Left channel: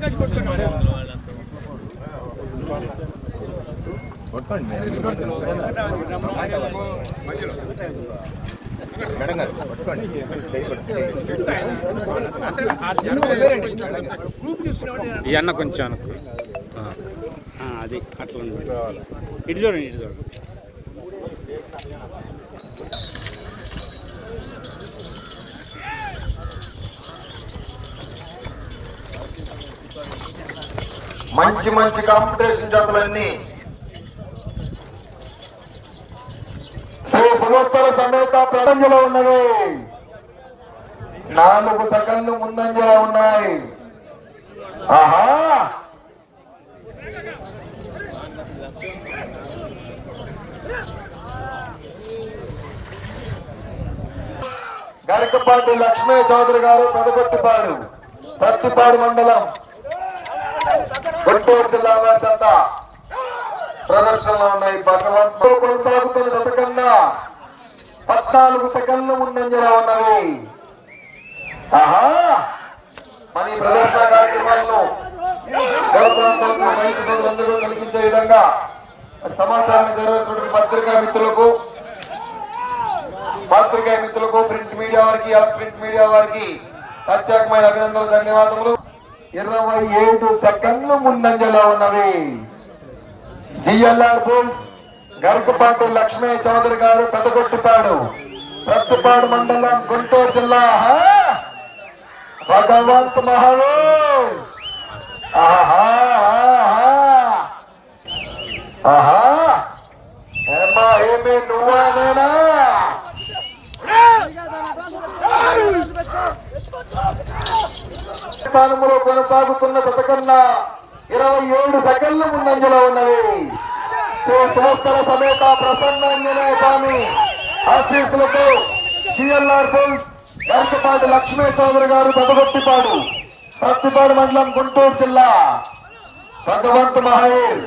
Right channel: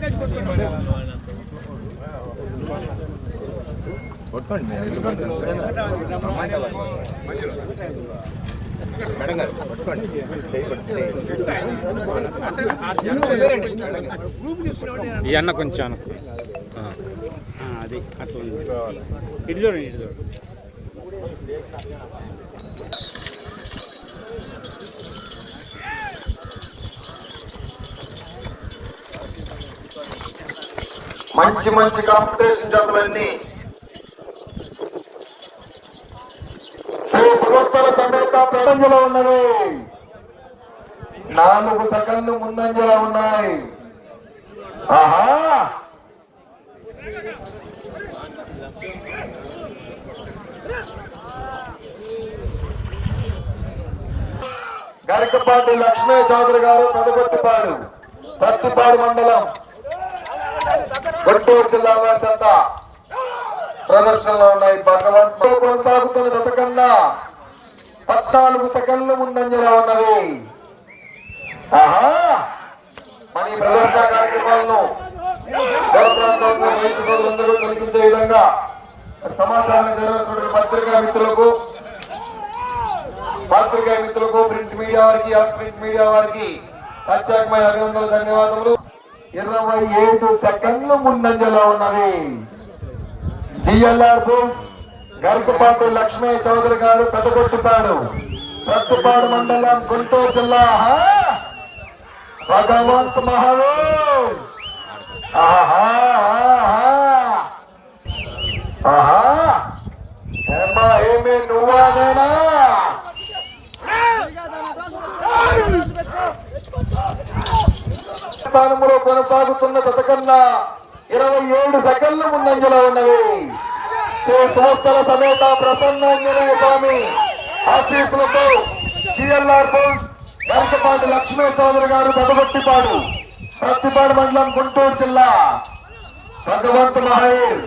ఈ అన్న కొంచెం అనుకో అది అట్లా ఇటు చూడండి ఇటు చూడండి. మంచి మంచి కాంపిటీషన్ జతలన్నీ శ్రీ సులోత్తర సమేత ప్రపంచంలో ఉన్నవి. 4 సెకండ్లు ముందంజలో ఉన్నాయి. ఆహా గరికపాటి లక్ష్మీ చౌదరి గారు పెదగొట్టిపాడు, పత్తిపాడు మండలం, గుంటూరు జిల్లా వారికంత ప్రదర్శనలో ఉన్నాయి. భగవంతుడు కొనసాగుతున్న జత కన్నా 14 సెకండ్లు ముందంజలో ఉన్నవి. ఆహా మన ఈ ప్రదర్శన కార్యక్రమాలను రైతులందరూ కల్పించే విధంగా సమాచారాన్ని జరుగుతున్న పత్రికా మిత్రులకు, ప్రింట్ మీడియా వారికి, ప్రింట్ మీడియా వారికి ప్రత్యేకమైన అభినందనలు, ధన్యవాదములు. 27 సెకండ్లు ముందంజలో ఉన్నవి. జిఎల్ఆర్ బుల్స్ గరికపాటి లక్ష్మీ చౌదరి గారు పెదగొట్టిపాడు, ప్రత్తిపాడు మండలం, గుంటూరు జిల్లా. భగవంత్ మహారాజ్ ఆహా ఆహా ఏమా ఏమి నువ్వానేనా? స్థానంలో కొనసాగుతున్న జత కన్నా 27 సెకండ్లు ముందంజలో ఉన్నవి. సంస్థల సమేత ప్రసన్నాంజనేయ స్వామి ఆశీస్సులతో జిఎల్ఆర్ బుల్స్ గరికపాటి లక్ష్మీ చౌదరి గారు పెదగొట్టిపాడు, ప్రత్తిపాడు మండలం, గుంటూరు జిల్లా. భగవంత్ మహారాజ్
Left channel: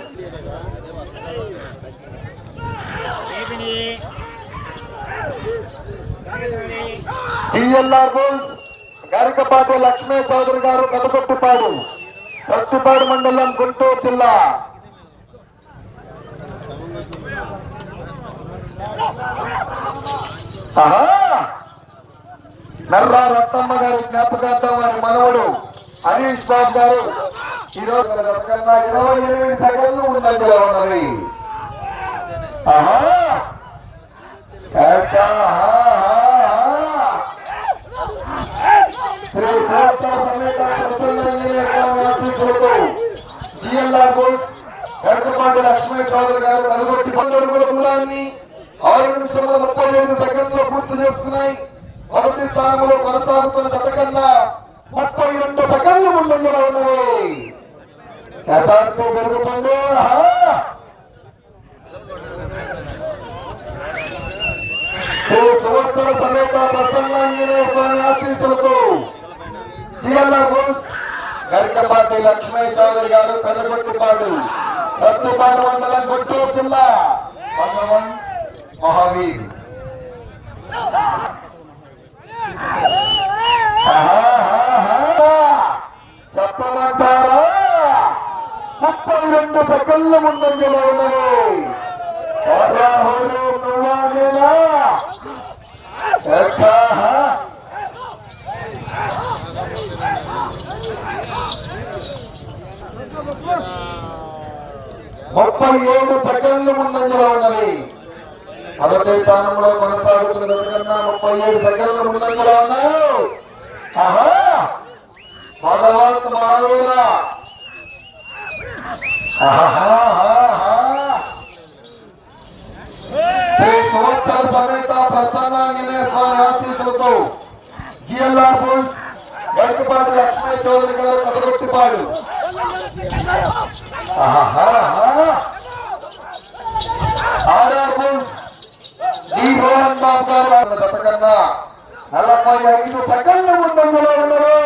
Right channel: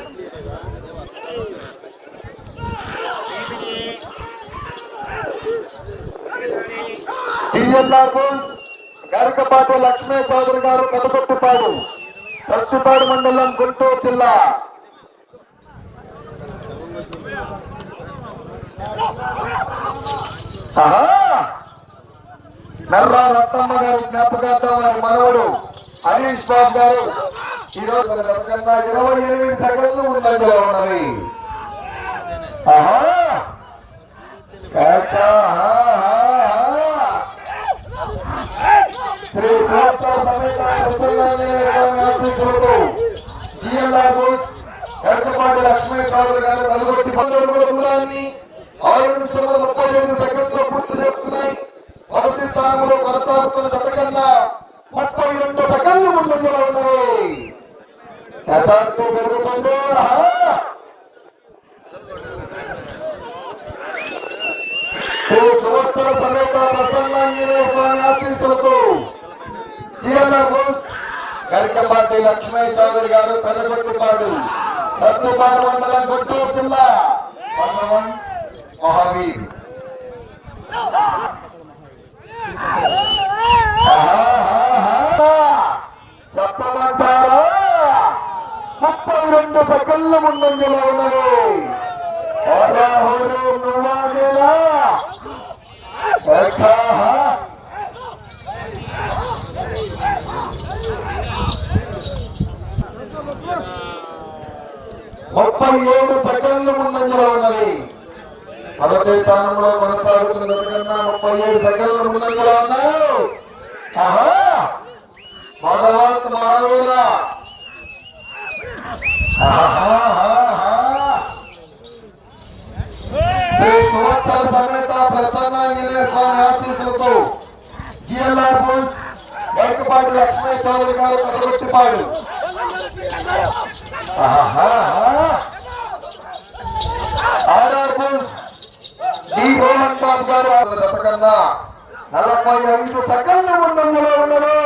జిఎల్ఆర్ బుల్స్ గరికపాటి లక్ష్మీ చౌదరి గారు పెదగొట్టిపాడు, ప్రత్తిపాడు మండలం, గుంటూరు జిల్లా. నర్రా రత్తమ్మ గారి జ్ఞాపకార్థం వారి మనవడు హరీష్ బాబు గారు ఈరోజు 28 సెకండ్లు ముందంజలో ఉన్నవి. గరికపాటి లక్ష్మీ చౌదరి గారు వెలగొట్టి 6 నిమిషాల 37 సెకండ్లు పూర్తి చేస్తున్నాయి. మొదటి స్థానంలో కొనసాగుతున్న జత కన్నా 32 సెకండ్లు ముందంజలో ఉన్నాయి. యథార్థం జరుగుతుంది. సంవత్సర సమేత ప్రసన్నాంజనేయ స్వామి ఆశీస్సులతో గరికపాటి లక్ష్మీ చౌదరి గారు పెదగొట్టిపాడు, ప్రత్తిపాడు మండలం, గుంటూరు జిల్లా. భగవంత్ మహావీర్ 32 సెకండ్ల ముందంజలో ఉన్నది. 37 సెకండ్లు ముందంజలో ఉన్నది. మొదటి స్థానంలో కొనసాగుతున్న కన్నా 37 సెకండ్లు ముందంజలో ఉన్నాయి. భగవంత్ మహావీర సంవత్సర సమేత ప్రసన్నాంజనేయ స్వామి ఆశీస్సులతో GLR bulls Garikapati Lakshmi Chowdary garu Pedagottipadu, RR bulls D Rohan Babu garu 45 సెకండ్ల ముందంజలో ఉన్నారు.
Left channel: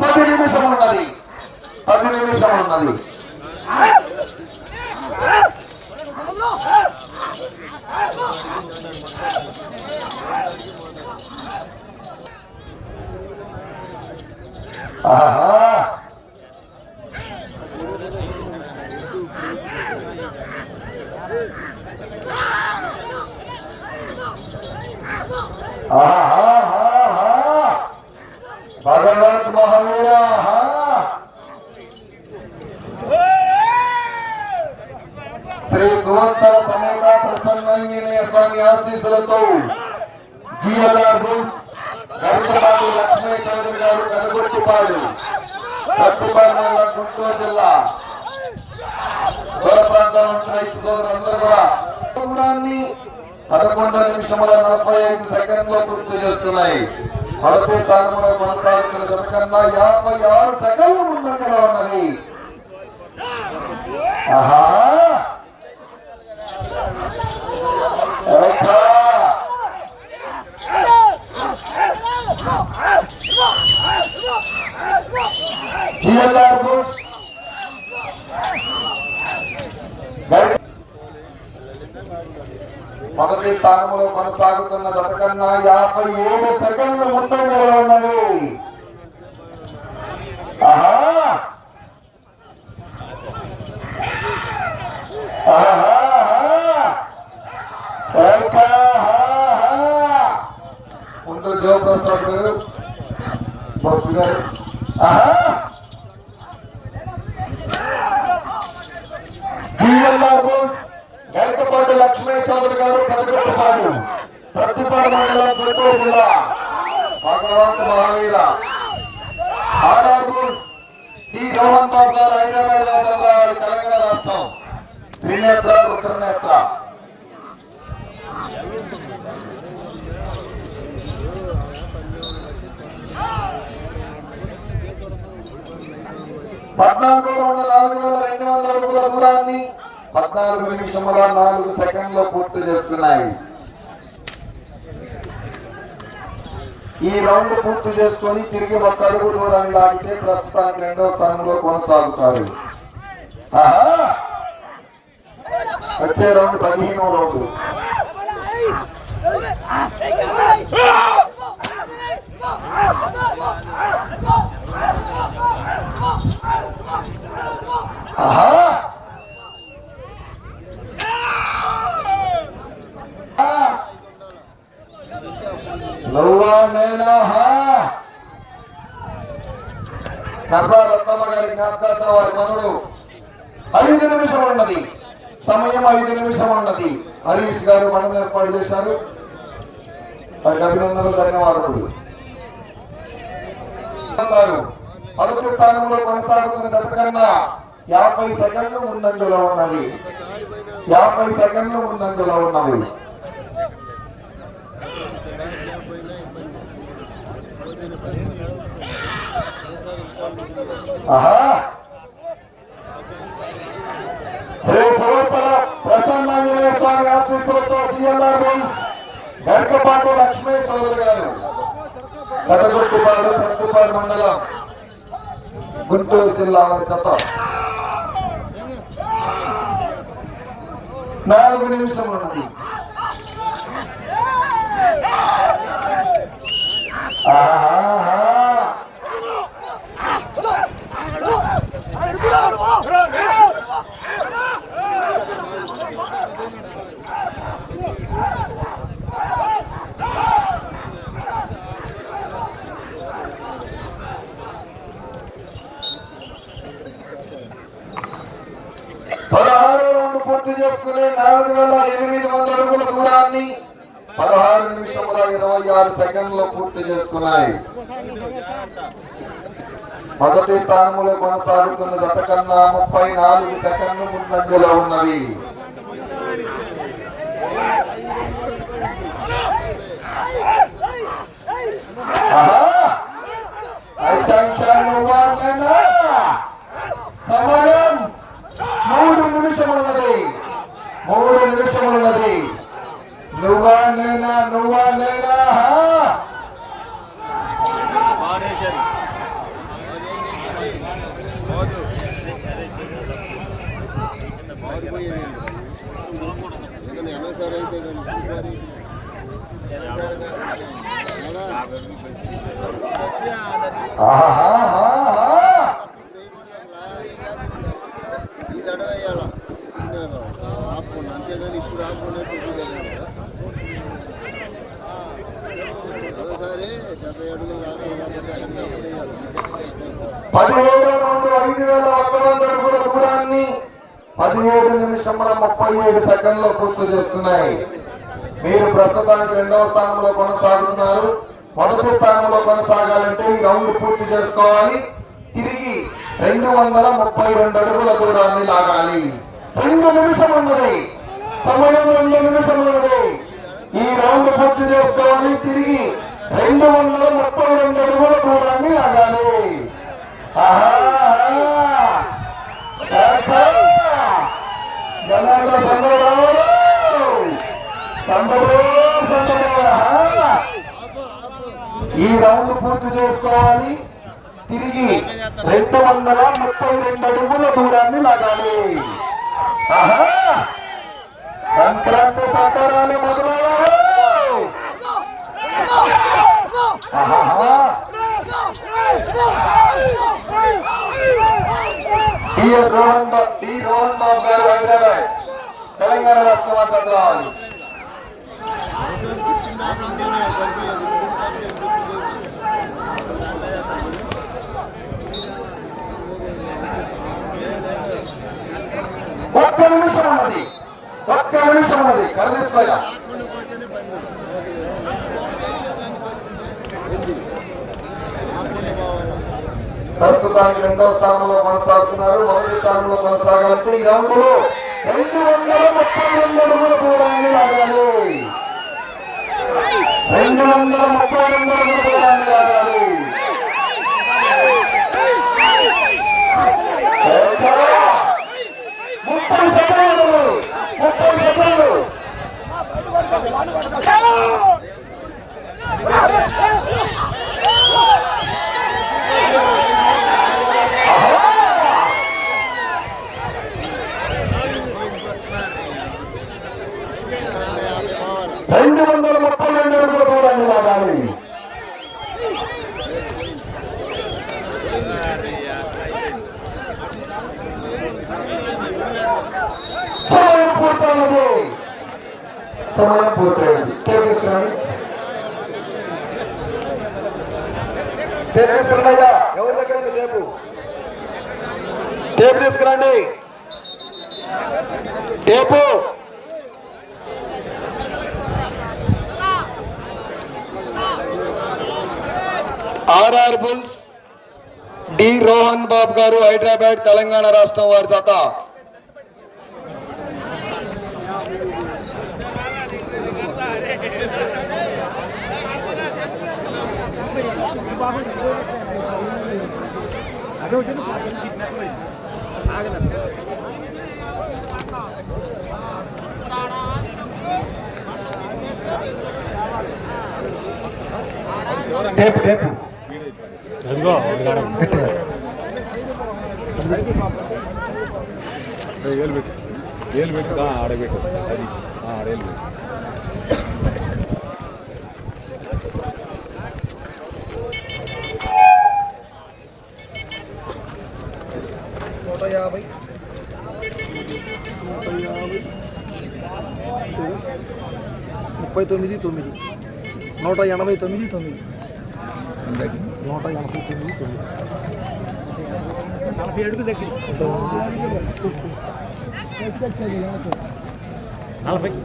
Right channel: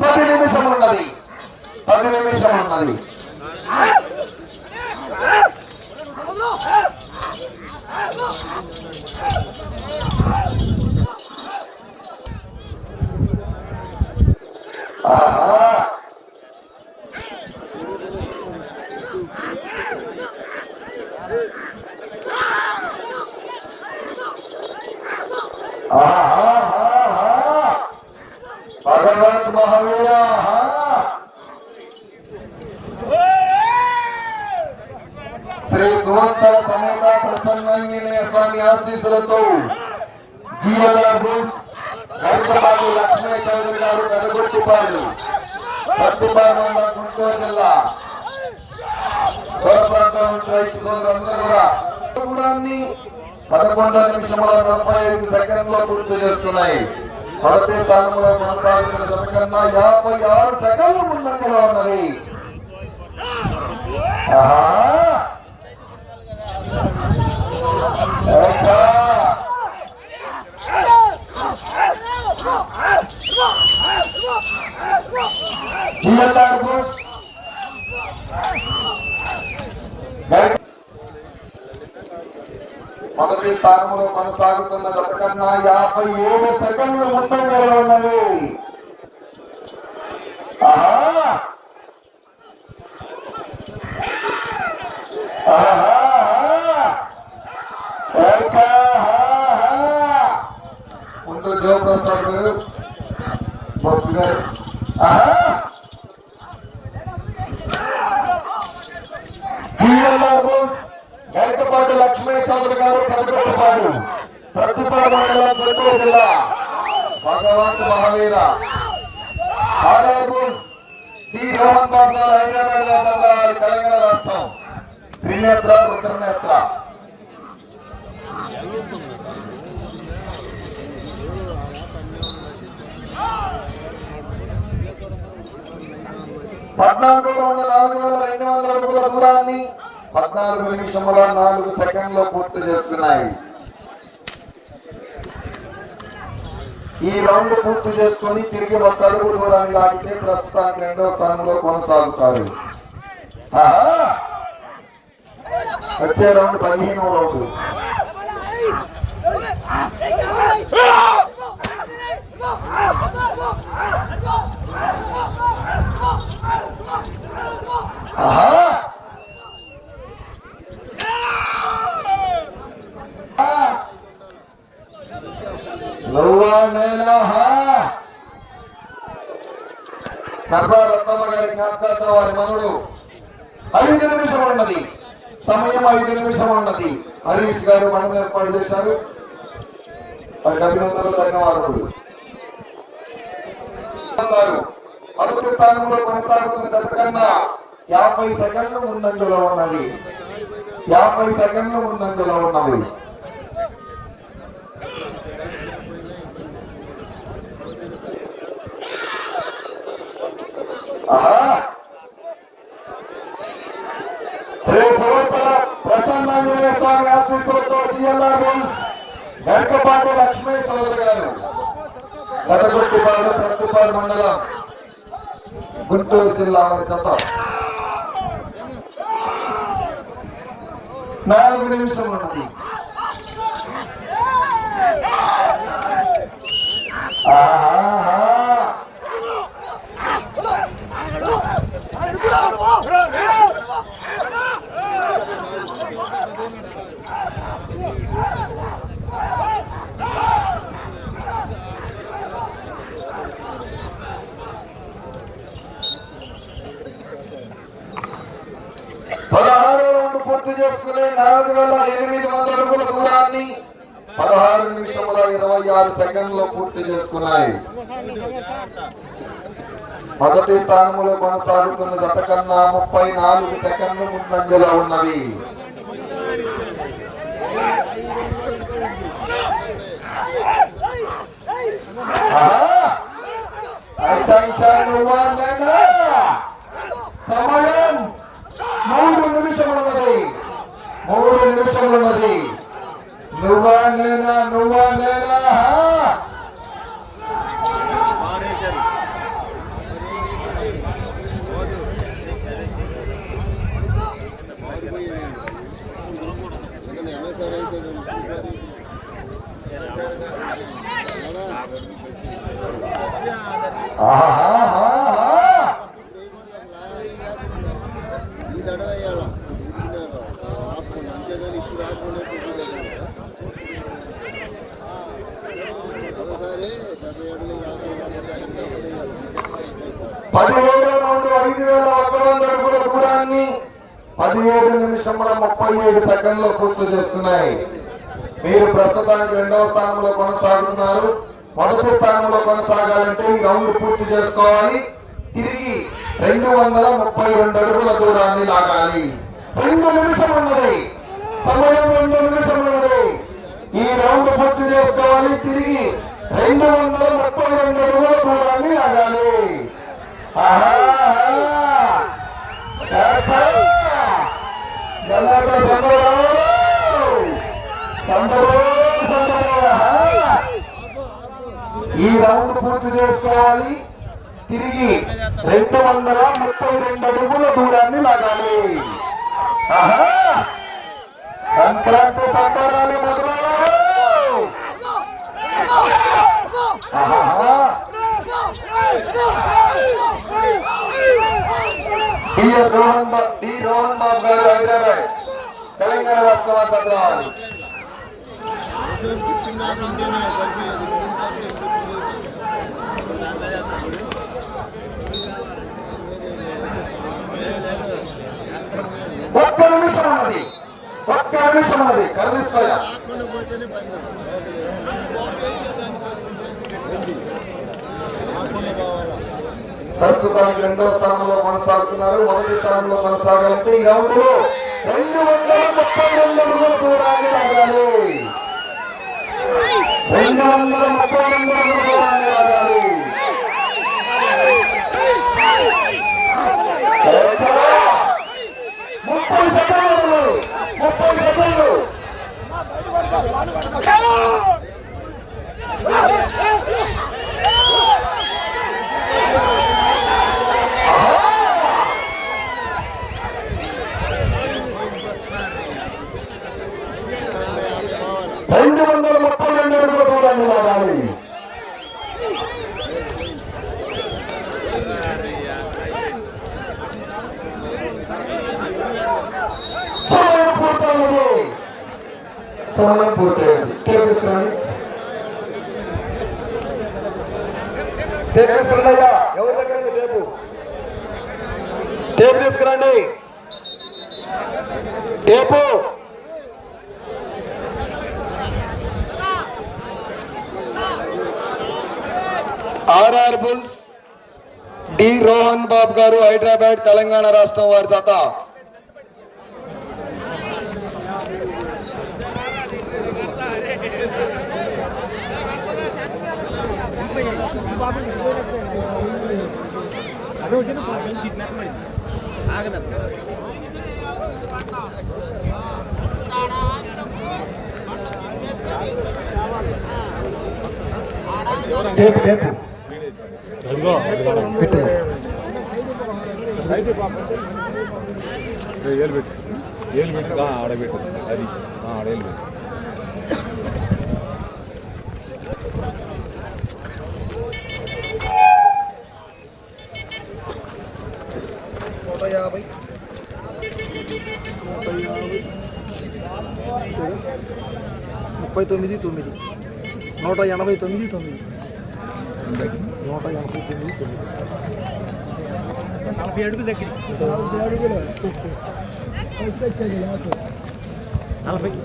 10 నిమిషం ఉన్నది. ఆహా భగవంత్ మహావీర శ్రీ సువంతర సమేత ప్రసన్నాంజనేయ స్వామి ఆశీస్సులతో జీవన్ హైదరాబాద్ లక్ష్మీ చౌదరి గారు కనగొట్టిపాడు ప్రతిపాదన గుంటూరు జిల్లా సోదరులందరూ 11 నిమిషముల 45 సెకండ్లో పూర్తి చేస్తున్నాయి. మొదటి స్థానంలో కొనసాగుతున్న జనకన్నా 56 సెకండ్లు ముందంజలో ఉన్నవి. మొదటి స్థానంలో కొనసాగుతున్న జతకన్నా 57 సెకండ్లు ముందంజలో ఉన్నవి. ముందు జోప్రసాద్ గారు బస్సు గారు గల్కపాటి లక్ష్మీ చౌదరి గారు కనగొట్టుపాడు ప్రతిపాదన మండలం గుంటూరు జిల్లా భగవంత్ మహావీర శ్రీ మోహన్ బాబు గారు హైదరాబాద్ తెలంగాణ రాష్ట్రం త్రినేత్ర రుద్రనేత్ర 14,4,200 అడుగుల దూరాన్ని 14 నిమిషముల 4 సెకండ్లో పూర్తి చేస్తున్నాయి. ఈ రౌండ్ పూర్తి చేసుకొని తిరిగి 1 అడుగు దూరాన్ని లాగితే ప్రస్తుతానికి 2వ స్థానంలో కొనసాగుతారు. వచ్చే రౌండ్ 15వ రౌండ్. రత్నమ్మ గారి జ్ఞాపకార్థం వారి మనుడు 5 నిమిషం ఉన్నది. సమయం 5 నిమిషం ఉన్నది. హరీష్ గారు మండలం ఏర్పాటు చేశారు. వారికి అభినందనలు ధన్యవాదములు. మొదటి స్థానంలో కొనసాగుతున్న జతకన్నా 50 సెకండ్లు ముందంజలో ఉన్నవి. 50 సెకండ్లు ముందంజలో ఉన్నవి. శ్రీ సంవత్సర ప్రసన్నాంజనేయ స్వామి ఆశీస్సులతో జిఎల్ఆర్ గంకపాటి లక్ష్మీ చౌదరి గారు కథగుట్టిపాడు ప్రతిపాడు మండలం గుంటూరు జిల్లా వారి జత 4 నిమిషం ఉన్నది. పూర్తి చేసుకునే 4,800 అడుగుల దూరాన్ని 16 నిమిషముల 26 సెకండ్లో పూర్తి చేసుకున్నాయి. మొదటి స్థానంలో కొనసాగుతున్న జతకన్నా 34 సెకండ్లు ముందంజలో ఉన్నవి. సమయం 3 నిమిషములున్నది. 3 నిమిషములున్నది. నువ్వా నేనా నువ్వా నేనా ఆహా 17వ రౌండ్ 5,100 అడుగుల దూరాన్ని 17 నిమిషముల 37 సెకండ్లు పూర్తి చేస్తున్నాయి. మీరు ప్రస్తుతానికి 2వ స్థానంలో కొనసాగుతున్నారు. మొదటి స్థానంలో కొనసాగాలంటే ఈ రౌండ్ పూర్తి చేసుకోవాలి. తిరిగి 232 అడుగుల దూరాన్ని లాగాలి. 2 నిమిషం ఉన్నది, సమయం 2 నిమిషం ఉన్నది. ఈ రౌండ్ పూర్తి చేసుకోవాలి. తిరిగి 232 అడుగుల దూరాన్ని లాగాలి. ఈ రౌండ్ పూర్తి చేసుకోవాలి. తిరిగి 232 అడుగుల దూరాన్ని లాగాలి. సంక్రాంతి సంబరాలు మొదలయ్యాయి. తెలంగాణ రాష్ట్ర పత్రాలు ఒక్క నిమిషం ఉన్నది కలుస్తాయా? ప్రస్తుతానికి 2వ స్థానంలో కొనసాగుతున్నారు. మొదటి స్థానంలో కొనసాగాలంటే ఈ రౌండ్ 232 అడుగుల దూరాన్ని లాగాలి. 232 అడుగుల దూరాన్ని లాగాలి. 30 సెకండ్లు 30 సెకండ్లు. రెండు 232 అడుగుల దూరాన్ని లాగాలి. సమయం పూర్తయింది. తీసుకురండి. ఎవరి దగ్గర టేపు తీసుకురండి. Tape RR bulls D Rohan Babu garu, Hyderabad, Telangana రాష్ట్రం వారి చేత టేపు టేపు ఏళ్ళు పెట్టు ఆడబెట్టు అది ఆడేళ్ళు పెట్టు. 150 39 189 40 అడుగులు దగ్గర 40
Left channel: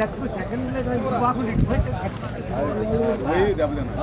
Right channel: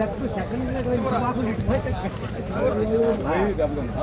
లక్షలు సెకండ్